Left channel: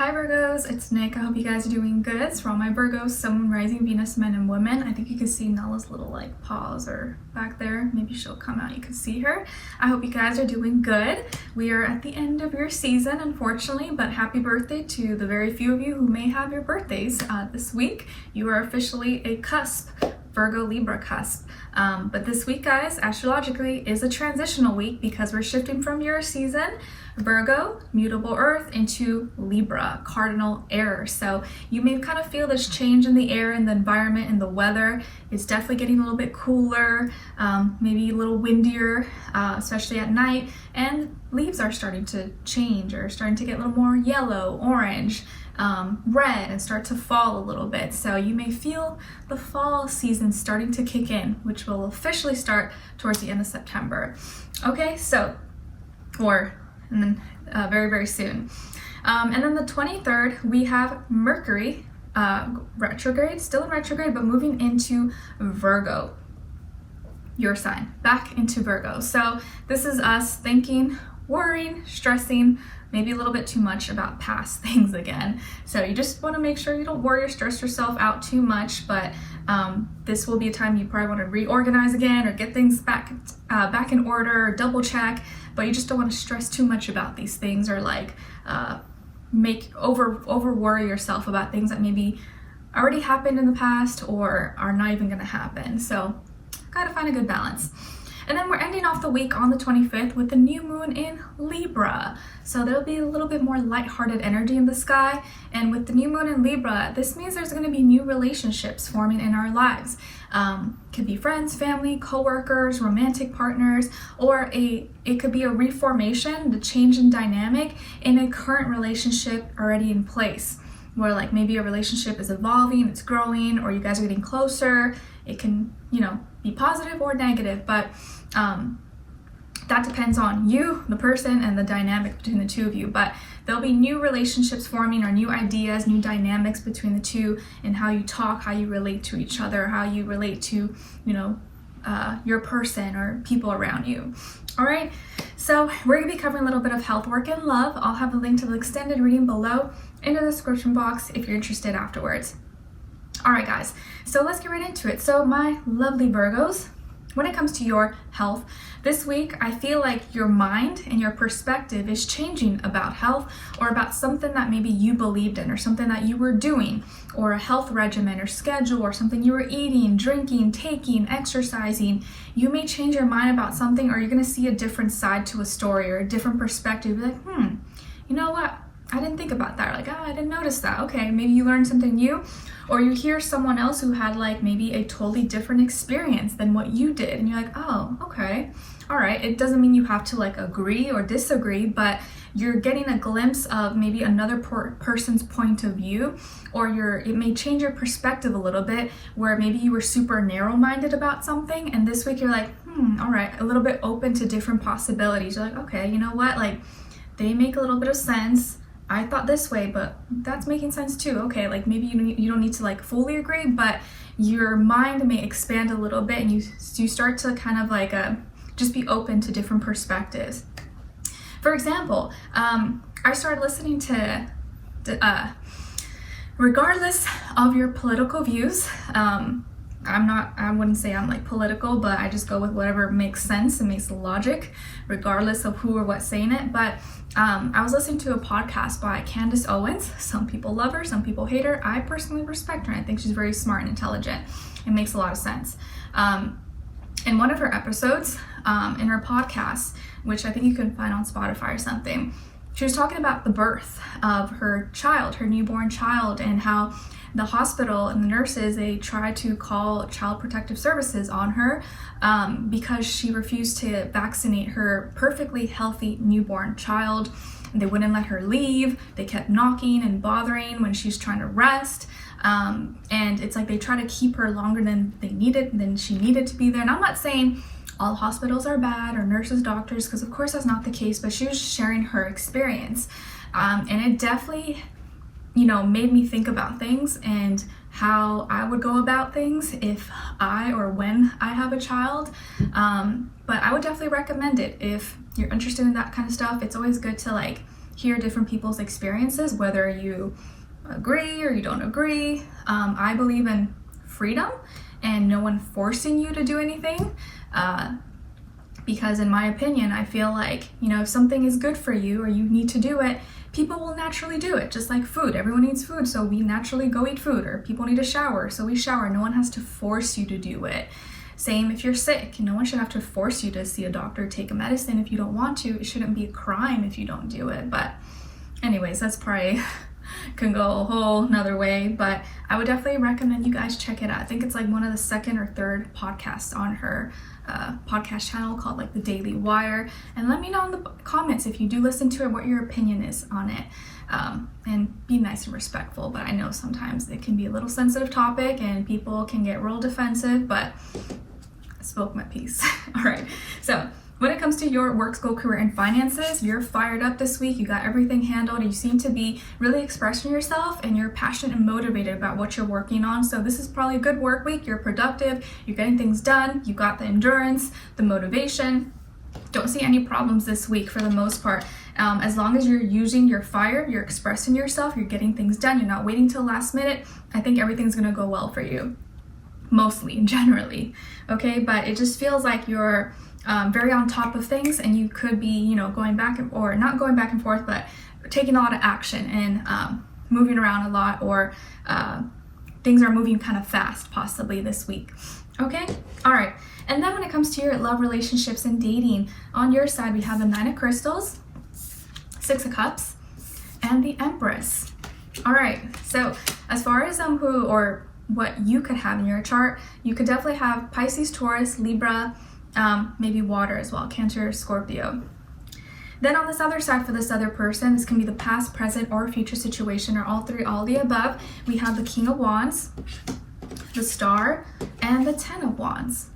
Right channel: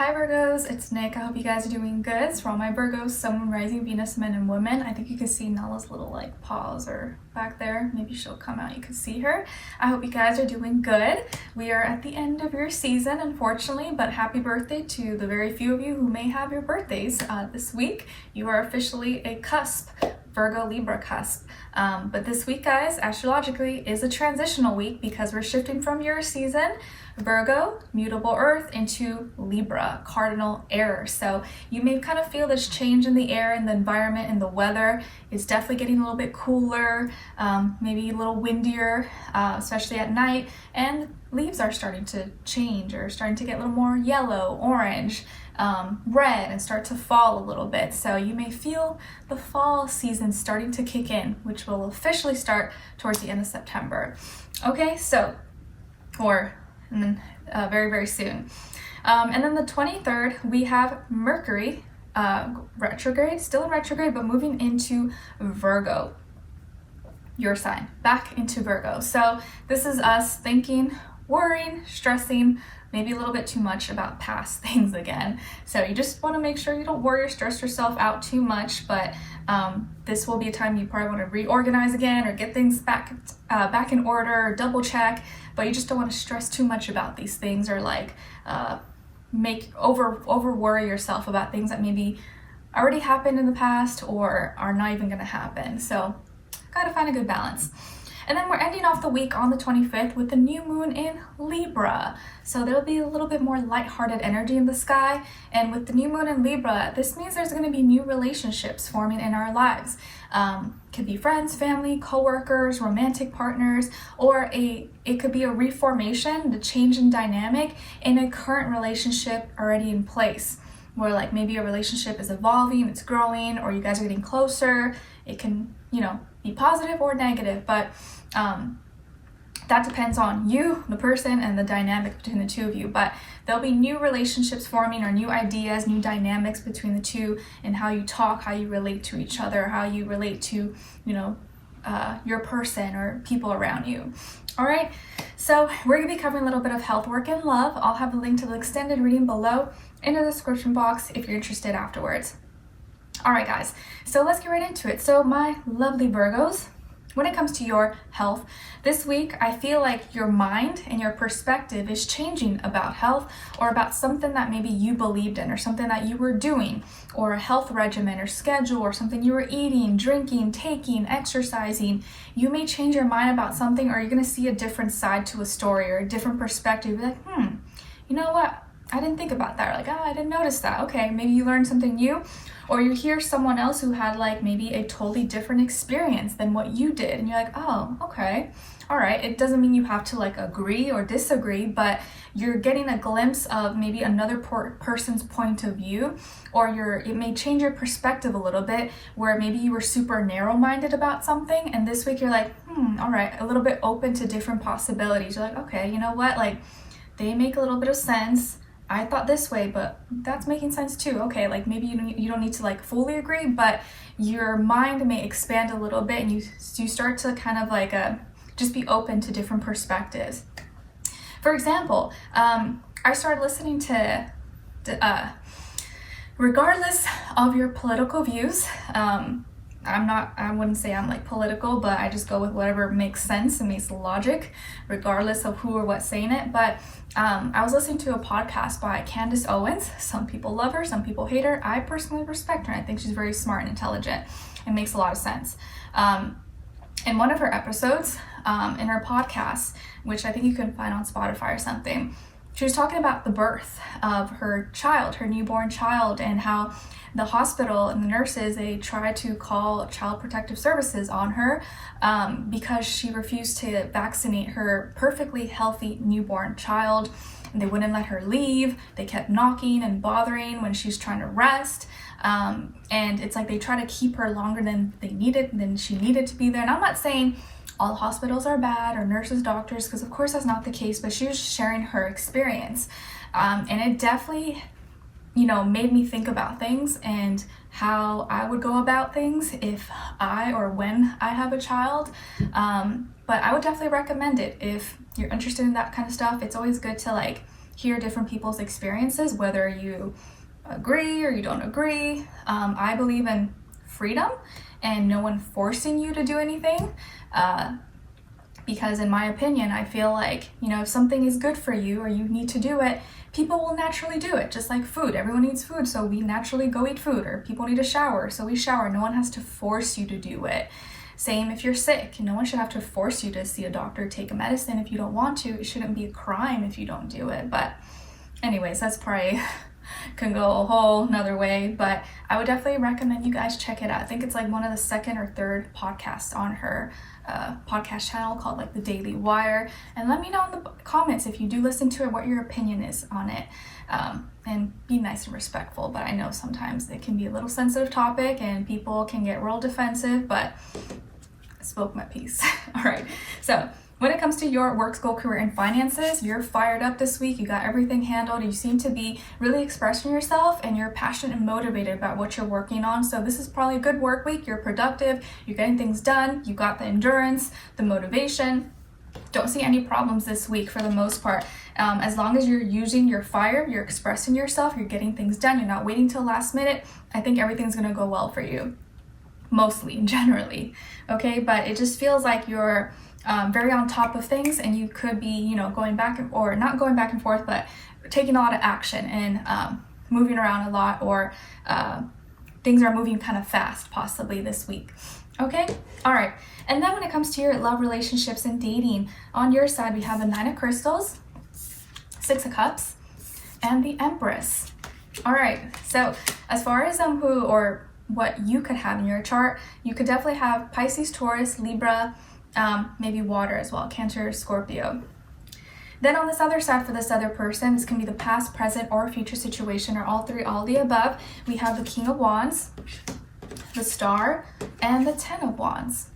Hi Virgos, it's Nick. I hope you guys are doing good. It's for all my Virgos, Sun, Rising, Venus, men and women. I think you can see Nella's little paws are back there. Maybe she'll come out, you can see her. I hope you guys are doing good. We are at the end of your season, unfortunately, but happy birthday to the very few of you who may have your birthdays this week. You are officially a cusp, Virgo Libra cusp. But this week, guys, astrologically is a transitional week because we're shifting from your season, Virgo, mutable earth, into Libra, cardinal air. So you may kind of feel this change in the air and the environment and the weather is definitely getting a little bit cooler, maybe a little windier, especially at night. And leaves are starting to change or starting to get a little more yellow, orange, red, and start to fall a little bit. So you may feel the fall season starting to kick in, which will officially start towards the end of September. Okay, so, very, very soon. And then the 23rd, we have Mercury retrograde, still in retrograde, but moving into Virgo, your sign, back into Virgo. So this is us thinking, worrying, stressing, maybe a little bit too much about past things again. So you just want to make sure you don't worry or stress yourself out too much, but this will be a time you probably want to reorganize again or get things back in order, or double check, but you just don't want to stress too much about these things or make over worry yourself about things that maybe already happened in the past or are not even going to happen. So gotta find a good balance. And then we're ending off the week on the 25th with the new moon in Libra. So there'll be a little bit more lighthearted energy in the sky. And with the new moon in Libra, this means there's going to be new relationships forming in our lives. Could be friends, family, co-workers, romantic partners, or it could be a reformation, the change in dynamic in a current relationship already in place. Where maybe a relationship is evolving, it's growing, or you guys are getting closer. It can, be positive or negative, but that depends on you, the person, and the dynamic between the two of you. But there'll be new relationships forming or new ideas, new dynamics between the two, and how you talk, how you relate to each other, how you relate to, your person or people around you. All right, so we're going to be covering a little bit of health, work, and love. I'll have a link to the extended reading below in the description box if you're interested afterwards. All right, guys, so let's get right into it. So my lovely Virgos, when it comes to your health, this week, I feel like your mind and your perspective is changing about health or about something that maybe you believed in or something that you were doing or a health regimen or schedule or something you were eating, drinking, taking, exercising. You may change your mind about something or you're going to see a different side to a story or a different perspective. You're like, you know what? I didn't think about that. I didn't notice that. Okay, maybe you learned something new, or you hear someone else who had maybe a totally different experience than what you did, and you're like, oh, okay, all right. It doesn't mean you have to agree or disagree, but you're getting a glimpse of maybe another person's point of view, or it may change your perspective a little bit, where maybe you were super narrow-minded about something, and this week you're like, all right, a little bit open to different possibilities. You're like, okay, you know what? They make a little bit of sense. I thought this way, but that's making sense too. Okay, maybe you don't need to fully agree, but your mind may expand a little bit, and you start to kind of just be open to different perspectives. For example, I started listening to regardless of your political views, I wouldn't say I'm political, but I just go with whatever makes sense and makes logic, regardless of who or what's saying it. But I was listening to a podcast by Candace Owens. Some people love her, some people hate her. I personally respect her. I think she's very smart and intelligent. It makes a lot of sense. In one of her episodes, in her podcast, which I think you can find on Spotify or something, she was talking about the birth of her child, her newborn child, and how the hospital and the nurses, they tried to call Child Protective Services on her because she refused to vaccinate her perfectly healthy newborn child. They wouldn't let her leave. They kept knocking and bothering when she's trying to rest. And it's they try to keep her longer than she needed to be there. And I'm not saying all hospitals are bad or nurses, doctors, because of course that's not the case, but she was sharing her experience. And it definitely made me think about things and how I would go about things if or when I have a child. But I would definitely recommend it if you're interested in that kind of stuff. It's always good to hear different people's experiences, whether you agree or you don't agree. I believe in freedom and no one forcing you to do anything. Because in my opinion, I feel like, if something is good for you or you need to do it, people will naturally do it, just like food. Everyone needs food, so we naturally go eat food, or people need a shower, so we shower. No one has to force you to do it. Same if you're sick. No one should have to force you to see a doctor, take a medicine if you don't want to. It shouldn't be a crime if you don't do it. But anyways, that's probably can go a whole nother way, but I would definitely recommend you guys check it out. I think it's like one of the second or third podcasts on her podcast channel called like The Daily Wire. And let me know in the comments if you do listen to it, what your opinion is on it. And be nice and respectful, but I know sometimes it can be a little sensitive topic and people can get real defensive, but I spoke my piece. All right, so when it comes to your work, school, career, and finances, you're fired up this week. You got everything handled. You seem to be really expressing yourself and you're passionate and motivated about what you're working on. So this is probably a good work week. You're productive. You're getting things done. You got the endurance, the motivation. Don't see any problems this week for the most part. As long as you're using your fire, you're expressing yourself, you're getting things done, you're not waiting till last minute, I think everything's going to go well for you. Mostly, generally. Okay, but it just feels like you're very on top of things, and you could be, going back or not going back and forth, but taking a lot of action and moving around a lot, or things are moving kind of fast possibly this week. Okay, all right. And then when it comes to your love, relationships, and dating, on your side we have the Nine of Crystals, Six of Cups, and the Empress. All right, so as far as who or what you could have in your chart, you could definitely have Pisces, Taurus, Libra, maybe water as well, Cancer, Scorpio. Then on this other side, for this other person, this can be the past, present, or future situation, or all three, all the above. We have the King of Wands, the Star, and the Ten of Wands.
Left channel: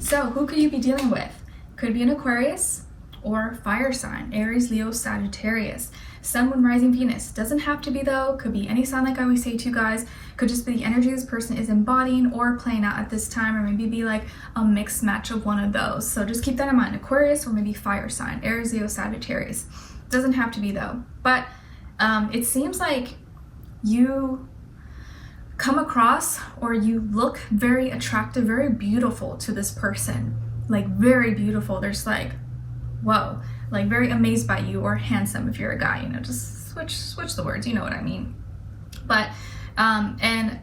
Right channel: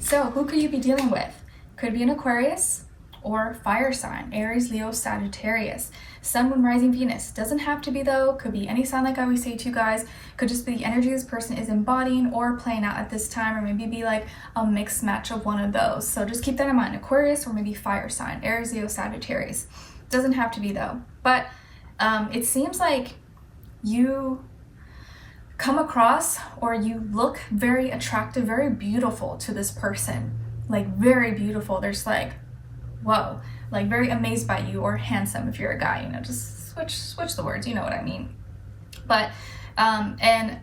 So who could you be dealing with? Could be an Aquarius or fire sign, Aries, Leo, Sagittarius, Sun, Moon, Rising, Venus. Doesn't have to be though, could be any sign like I always say to you guys. Could just be the energy this person is embodying or playing out at this time, or maybe be like a mixed match of one of those. So just keep that in mind, Aquarius or maybe fire sign, Aries, Leo, Sagittarius. Doesn't have to be though. But it seems like you come across or you look very attractive, very beautiful to this person. Like very beautiful. There's like, whoa, like very amazed by you, or handsome if you're a guy, just switch the words, you know what I mean. But and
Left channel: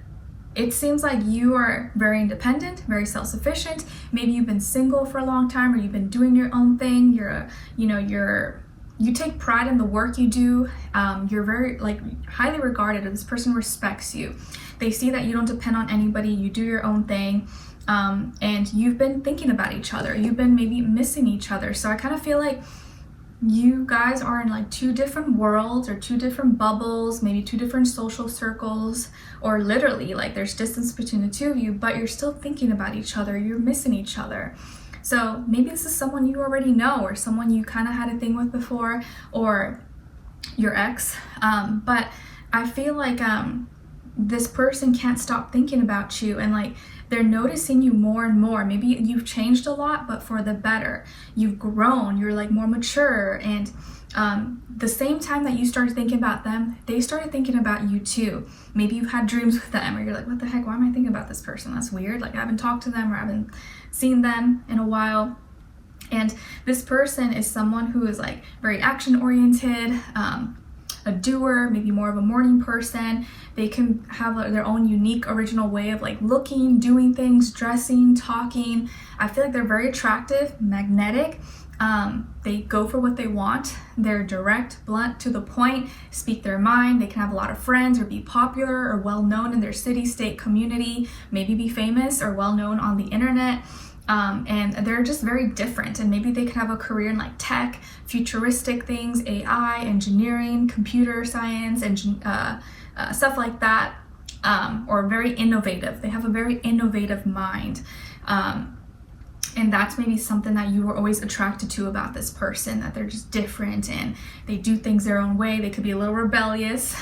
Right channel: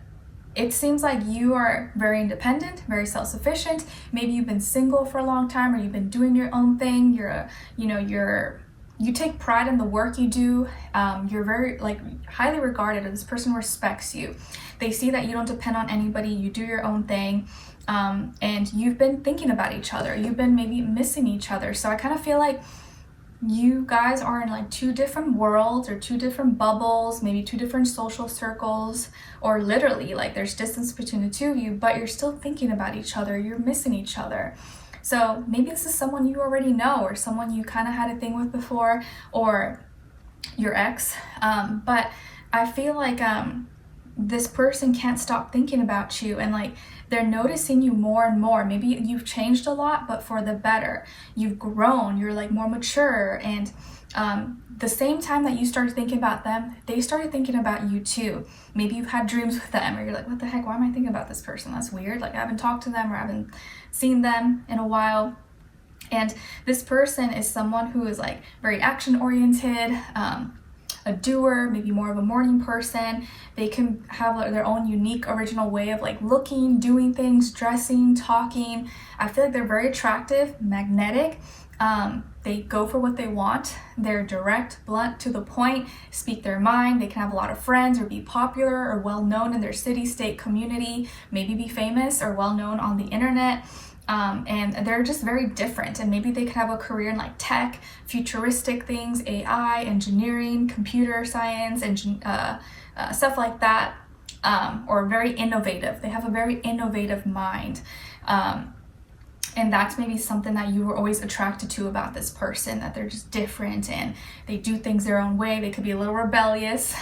it seems like you are very independent, very self-sufficient. Maybe you've been single for a long time, or you've been doing your own thing. You take pride in the work you do. You're very highly regarded, or this person respects you. They see that you don't depend on anybody. You do your own thing. And you've been thinking about each other. You've been maybe missing each other. So I kind of feel like you guys are in like two different worlds, or two different bubbles, maybe two different social circles, or literally like there's distance between the two of you, but you're still thinking about each other. You're missing each other. So maybe this is someone you already know, or someone you kind of had a thing with before, or your ex. But I feel like this person can't stop thinking about you, and like they're noticing you more and more. Maybe you've changed a lot, but for the better. You've grown, you're like more mature, and the same time that you started thinking about them, they started thinking about you too. Maybe you've had dreams with them, or you're like, what the heck, why am I thinking about this person? That's weird. Like I haven't talked to them, or I haven't seen them in a while. And this person is someone who is like very action oriented, a doer, maybe more of a morning person. They can have their own unique original way of like looking, doing things, dressing, talking. I feel like they're very attractive, magnetic. They go for what they want. They're direct, blunt, to the point, speak their mind. They can have a lot of friends, or be popular or well known in their city, state, community, maybe be famous or well known on the internet. And they're just very different, and maybe they could have a career in like tech, futuristic things, AI, engineering, computer science, and stuff like that, or very innovative. They have a very innovative mind. And that's maybe something that you were always attracted to about this person, that they're just different and they do things their own way. They could be a little rebellious,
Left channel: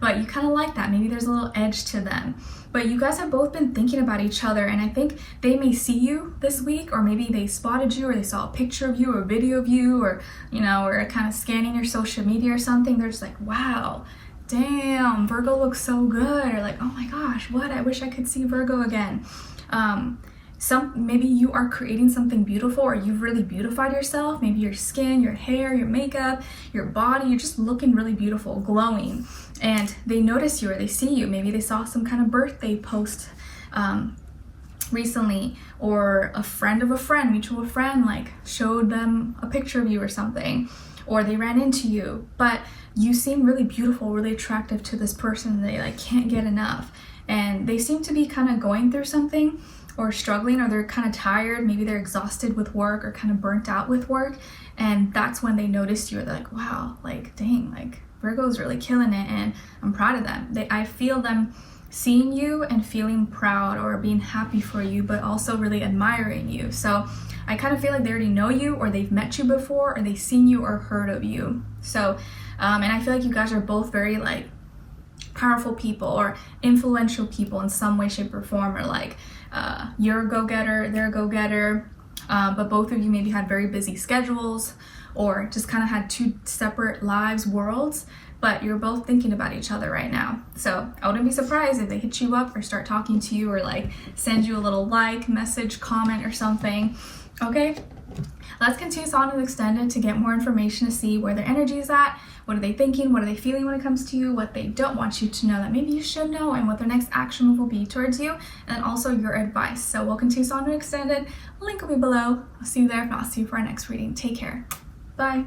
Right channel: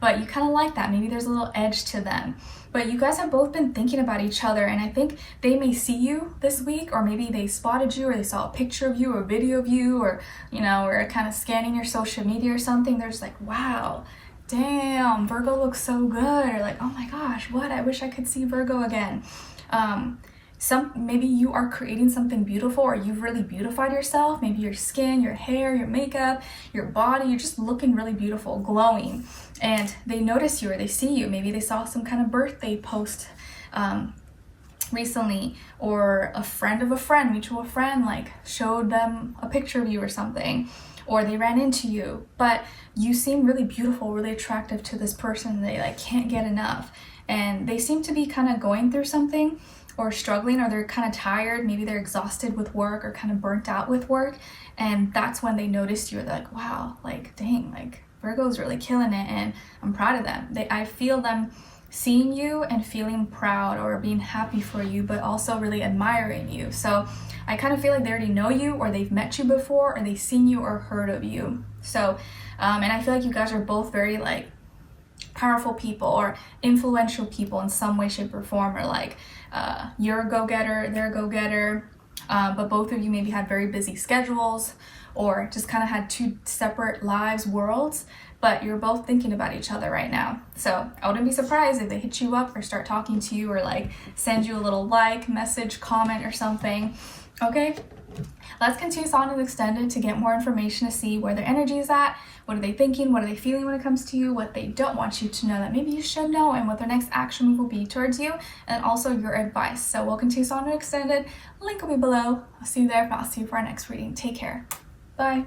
but you kind of like that. Maybe there's a little edge to them. But you guys have both been thinking about each other, and I think they may see you this week, or maybe they spotted you, or they saw a picture of you or a video of you, or, you know, or kind of scanning your social media or something. They're just like, wow, damn, Virgo looks so good, or like, oh my gosh, what, I wish I could see Virgo again. Maybe you are creating something beautiful, or you've really beautified yourself. Maybe your skin, your hair, your makeup, your body, you're just looking really beautiful, glowing, and they notice you or they see you. Maybe they saw some kind of birthday post recently, or a friend of a friend, mutual friend, like showed them a picture of you or something, or they ran into you. But you seem really beautiful, really attractive to this person. They like can't get enough, and they seem to be kind of going through something, or struggling, or they're kind of tired. Maybe they're exhausted with work, or kind of burnt out with work, and that's when they notice you. They're like, wow, like dang, like Virgo's really killing it, and I'm proud of them. I feel them seeing you and feeling proud or being happy for you, but also really admiring you. So I kind of feel like they already know you, or they've met you before, or they've seen you or heard of you. So and I feel like you guys are both very like powerful people, or influential people in some way, shape, or form, or like you're a go-getter, they're a go-getter, but both of you maybe had very busy schedules, or just kind of had two separate lives, worlds, but you're both thinking about each other right now. So I wouldn't be surprised if they hit you up or start talking to you, or like send you a little like, message, comment, or something. Okay, let's continue on and extended to get more information, to see where their energy is at. What are they thinking? What are they feeling when it comes to you? What they don't want you to know that maybe you should know, and what their next action move will be towards you, and also your advice. So we'll continue on and extended. Link will be below. I'll see you there. If not, see you for our next reading. Take care. Bye.